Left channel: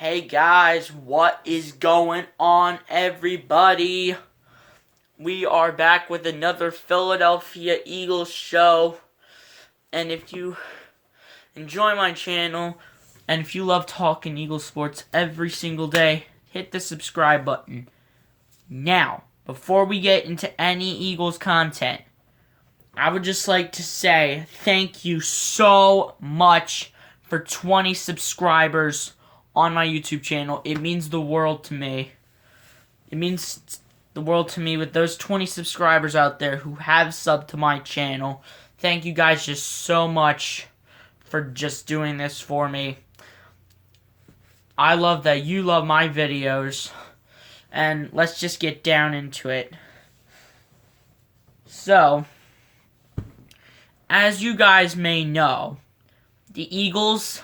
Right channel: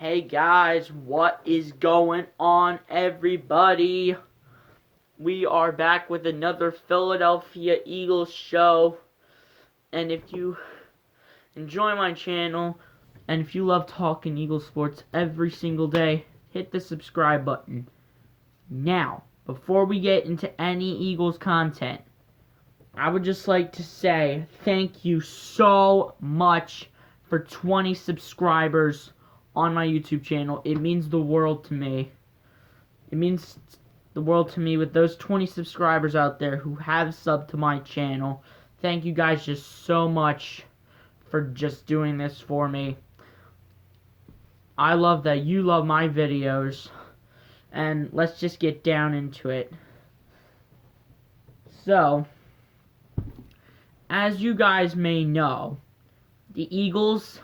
Hey guys, what is going on, everybody? We are back with another Philadelphia Eagles show. And if you enjoy my channel, and if you love talking Eagles sports every single day, hit the subscribe button. Now, before we get into any Eagles content, I would just like to say thank you so much for 20 subscribers on my YouTube channel. It means the world to me. It means the world to me with those 20 subscribers out there who have subbed to my channel. Thank you guys just so much for just doing this for me. I love that you love my videos. And let's just get down into it. So, as you guys may know, the Eagles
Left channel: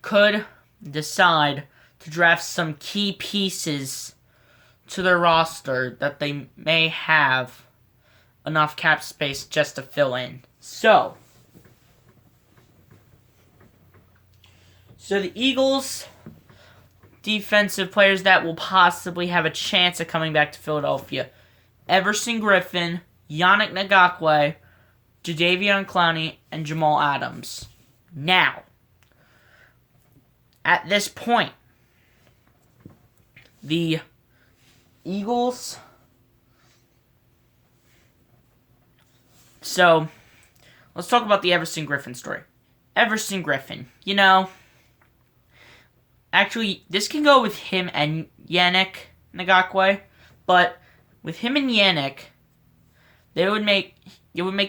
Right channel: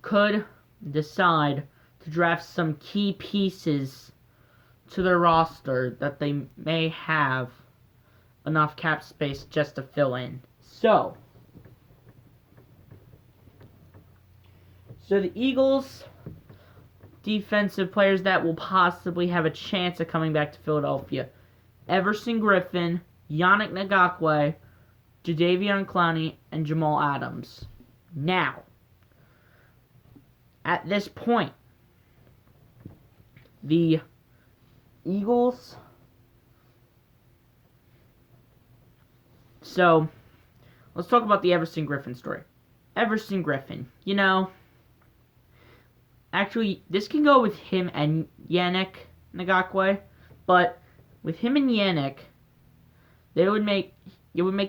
could decide to draft some key pieces to their roster that they may have enough cap space just to fill in. So the Eagles defensive players that will possibly have a chance of coming back to Philadelphia: Everson Griffen, Yannick Ngakoue, Jadeveon Clowney, and Jamal Adams. Now, at this point, the Eagles... So, let's talk about the Everson Griffen story. Everson Griffen, actually, this can go with him and Yannick Ngakoue, but with him and Yannick, it would make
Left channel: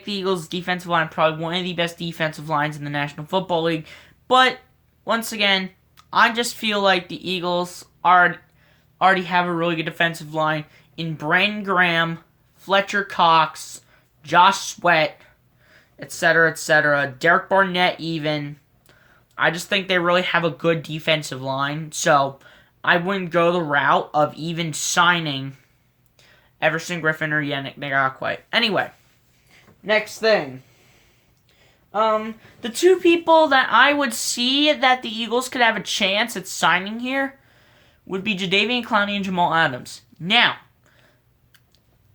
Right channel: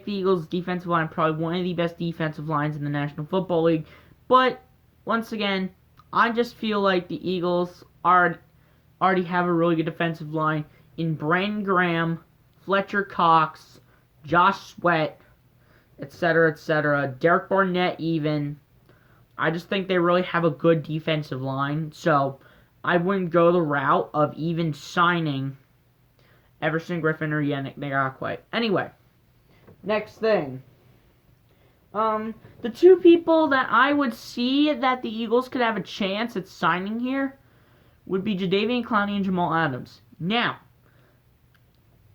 the Eagles' defensive line probably one of the best defensive lines in the National Football League. But, once again, I just feel like the Eagles already have a really good defensive line in Brandon Graham, Fletcher Cox, Josh Sweat, etc., etc., Derek Barnett even. I just think they really have a good defensive line, so I wouldn't go the route of even signing Everson Griffen or Yannick Ngakoue. Anyway, next thing. The two people that I would see that the Eagles could have a chance at signing here would be Jadeveon Clowney and Jamal Adams. Now,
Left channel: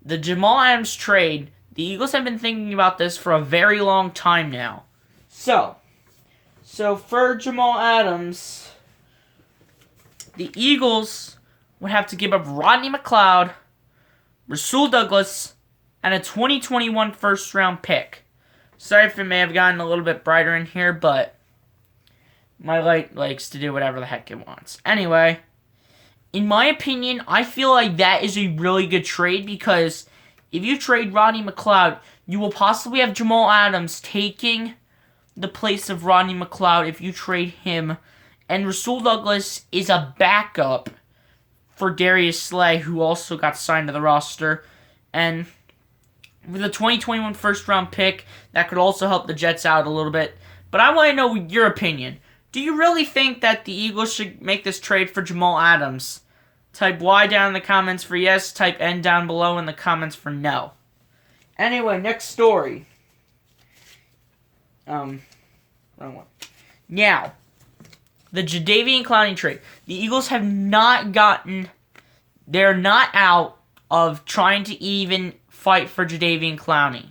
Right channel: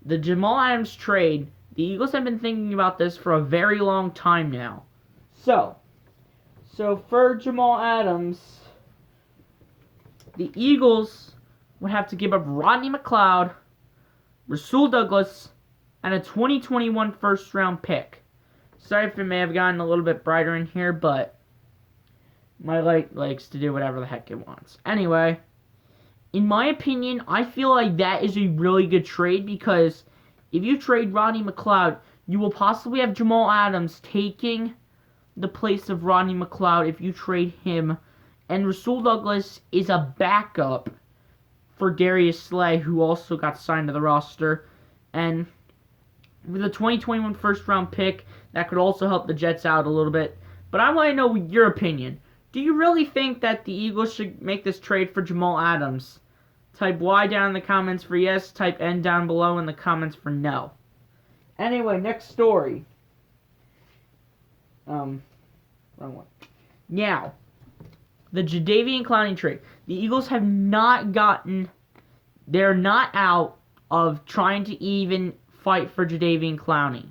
the Jamal Adams trade, the Eagles have been thinking about this for a very long time now. So for Jamal Adams, the Eagles would have to give up Rodney McLeod, Rasul Douglas, and a 2021 first-round pick. Sorry if it may have gotten a little bit brighter in here, but my light likes to do whatever the heck it wants. Anyway, in my opinion, I feel like that is a really good trade because if you trade Rodney McLeod, you will possibly have Jamal Adams taking the place of Rodney McLeod if you trade him, and Rasul Douglas is a backup for Darius Slay, who also got signed to the roster, and with a 2021 first-round pick, that could also help the Jets out a little bit. But I want to know your opinion. Do you really think that the Eagles should make this trade for Jamal Adams? Type Y down in the comments for yes. Type N down below in the comments for no. Anyway, next story. Wrong one. Now, the Jadeveon Clowney trade. The Eagles have not gotten... They're not out of trying to even fight for Jadeveon Clowney.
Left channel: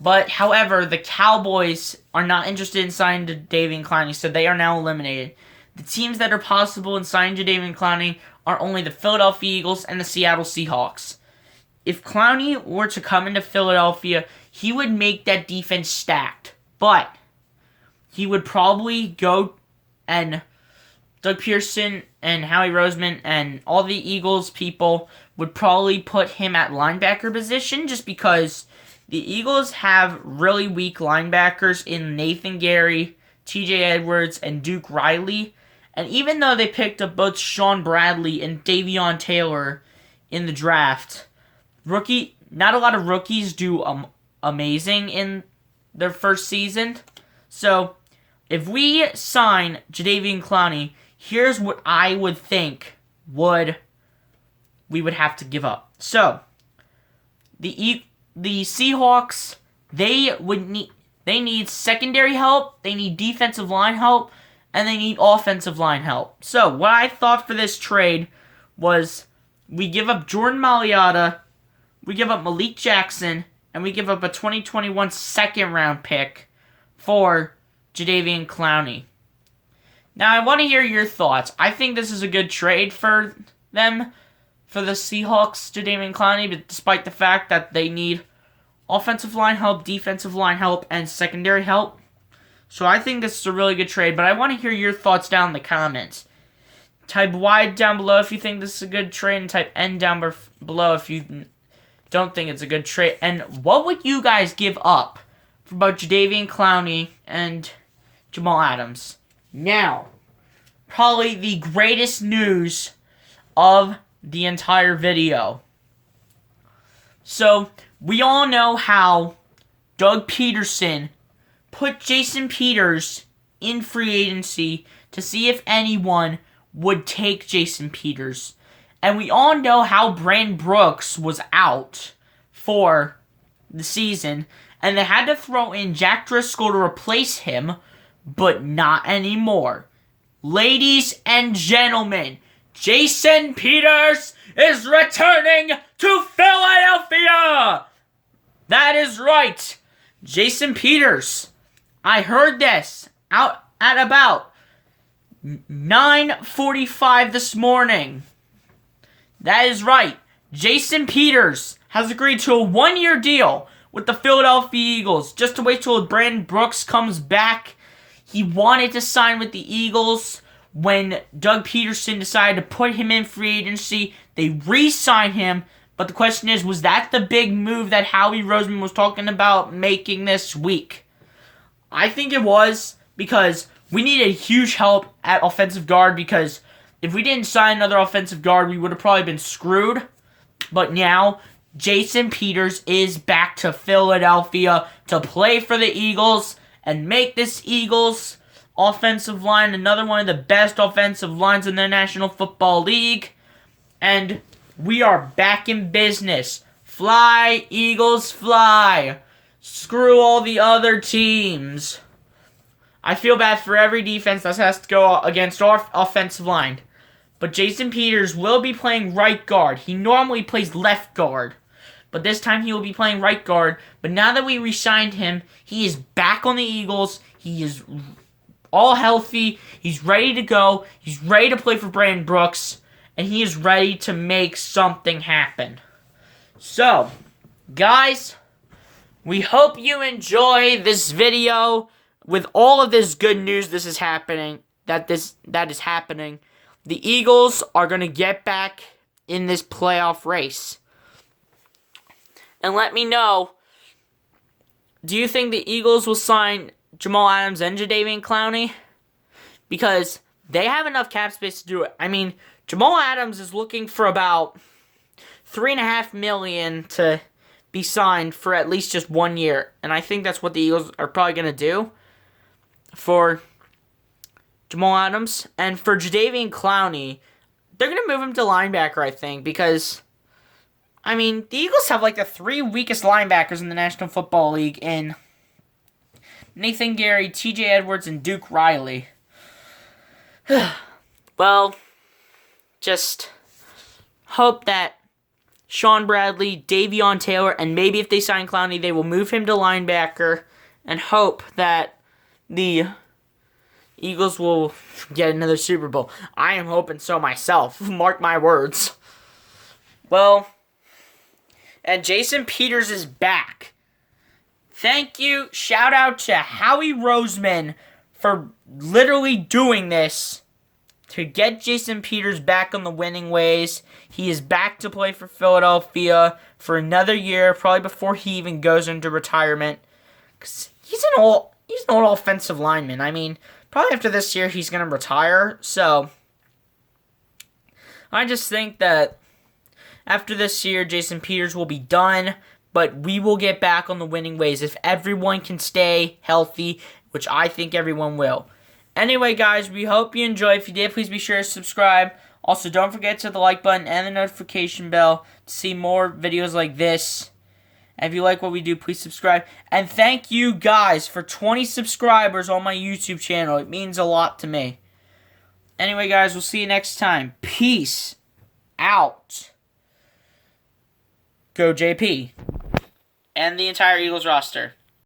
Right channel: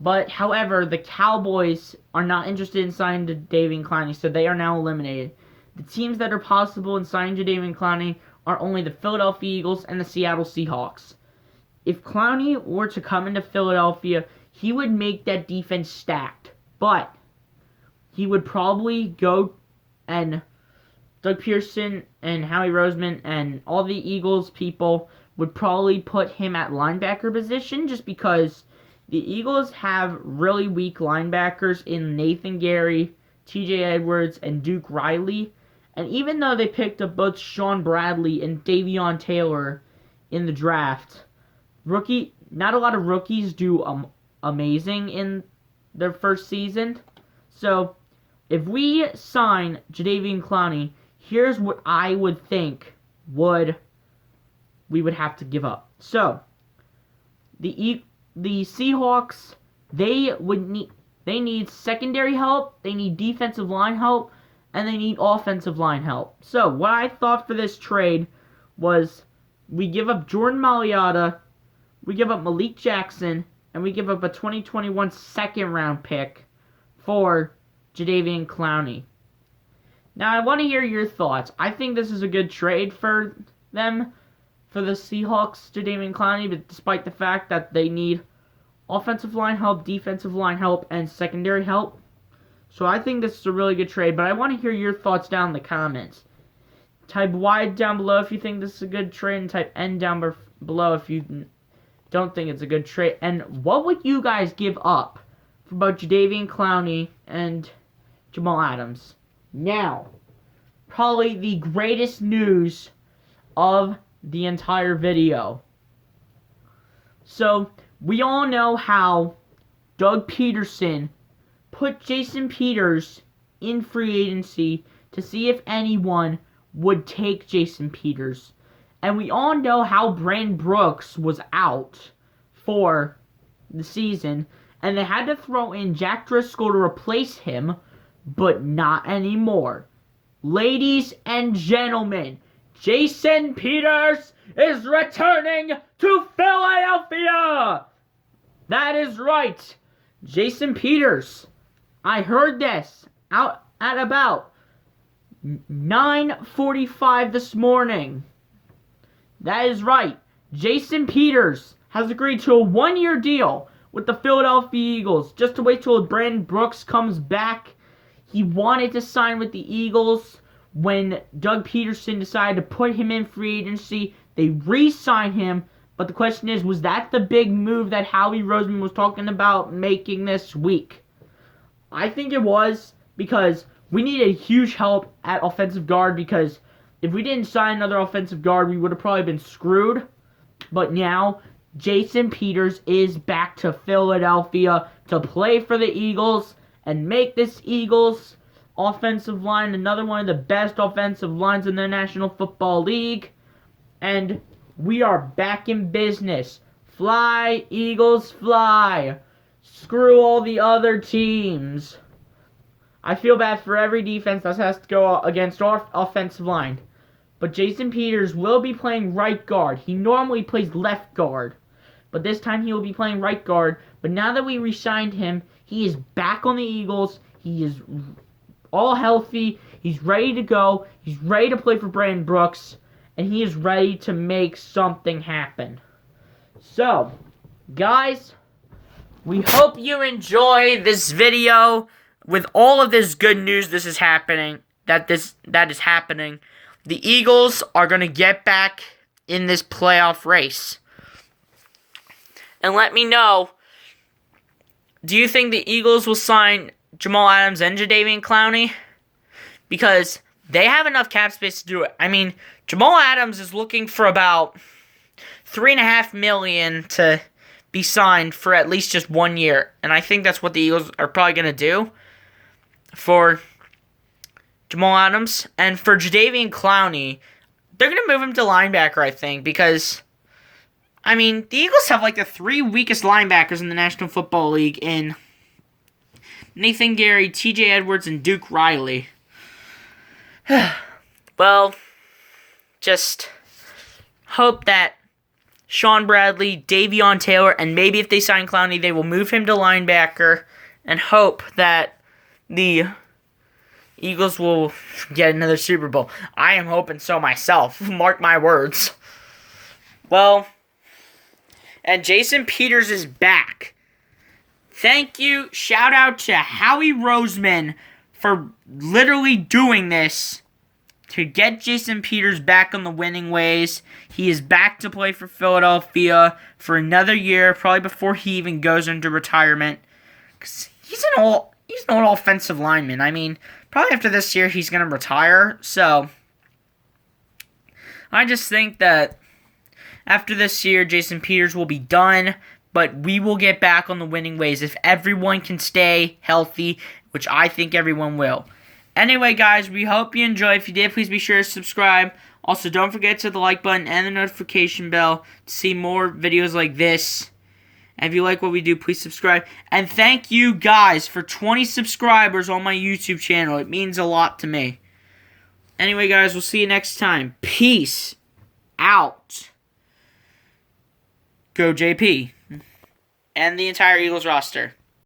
But, however, the Cowboys are not interested in signing Jadeveon Clowney, so they are now eliminated. The teams that are possible in signing Jadeveon Clowney are only the Philadelphia Eagles and the Seattle Seahawks. If Clowney were to come into Philadelphia, he would make that defense stacked. But he would probably go, and Doug Pearson and Howie Roseman and all the Eagles people would probably put him at linebacker position just because the Eagles have really weak linebackers in Nathan Gary, TJ Edwards, and Duke Riley. And even though they picked up both Sean Bradley and Davion Taylor in the draft, not a lot of rookies do amazing in their first season. So, if we sign Jadeveon Clowney, here's what I would think we would have to give up. So, the Seahawks, they need secondary help, they need defensive line help, and they need offensive line help. So, what I thought for this trade was we give up Jordan Mailata, we give up Malik Jackson, and we give up a 2021 second-round pick for Jadeveon Clowney. Now, I want to hear your thoughts. I think this is a good trade for them, for the Seahawks, Jadeveon Clowney, but despite the fact that they need offensive line help, defensive line help, and secondary help. So I think this is a really good trade, but I want to hear your thoughts down in the comments. Type Y down below if you think this is a good trade, and type N down below if you don't think it's a good trade. And what would you guys give up for both Jadeveon Clowney and Jamal Adams? Now, probably the greatest news of the entire video. So, we all know how Doug Peterson put Jason Peters in free agency to see if anyone would take Jason Peters. And we all know how Brandon Brooks was out for the season, and they had to throw in Jack Driscoll to replace him, but not anymore. Ladies and gentlemen, Jason Peters is returning to Philadelphia! That is right. Jason Peters. I heard this out at about 9:45 this morning. That is right. Jason Peters has agreed to a one-year deal with the Philadelphia Eagles just to wait till Brandon Brooks comes back. He wanted to sign with the Eagles. When Doug Peterson decided to put him in free agency, they re-signed him. But the question is, was that the big move that Howie Roseman was talking about making this week? I think it was, because we needed huge help at offensive guard, because if we didn't sign another offensive guard, we would have probably been screwed. But now, Jason Peters is back to Philadelphia to play for the Eagles and make this Eagles offensive line another one of the best offensive lines in the National Football League. And we are back in business. Fly, Eagles, fly. Screw all the other teams. I feel bad for every defense that has to go against our offensive line. But Jason Peters will be playing right guard. He normally plays left guard, but this time he will be playing right guard. But now that we re-signed him, he is back on the Eagles. He is all healthy. He's ready to go. He's ready to play for Brandon Brooks. And he is ready to make something happen. So, guys, we hope you enjoy this video with all of this good news that is happening. The Eagles are going to get back in this playoff race. And let me know, do you think the Eagles will sign Jamal Adams and Jadeveon Clowney? Because they have enough cap space to do it. I mean, Jamal Adams is looking for about $3.5 million to be signed for at least just 1 year. And I think that's what the Eagles are probably going to do for Jamal Adams. And for Jadeveon Clowney, they're going to move him to linebacker, I think, because, I mean, the Eagles have like the 3 weakest linebackers in the National Football League in Nathan Gary, TJ Edwards, and Duke Riley. Well, just hope that Sean Bradley, Davion Taylor, and maybe if they sign Clowney, they will move him to linebacker, and hope that the Eagles will get another Super Bowl. I am hoping so myself. Mark my words. Well, and Jason Peters is back. Thank you. Shout out to Howie Roseman for literally doing this to get Jason Peters back on the winning ways. He is back to play for Philadelphia for another year, probably before he even goes into retirement. 'Cause he's an old offensive lineman. I mean, probably after this year he's going to retire. So, I just think that after this year, Jason Peters will be done. But we will get back on the winning ways if everyone can stay healthy, which I think everyone will. Anyway, guys, we hope you enjoy. If you did, please be sure to subscribe. Also, don't forget to hit the like button and the notification bell to see more videos like this. And if you like what we do, please subscribe. And thank you guys for 20 subscribers on my YouTube channel. It means a lot to me. Anyway, guys, we'll see you next time. Peace out. Go JP. And the entire Eagles roster.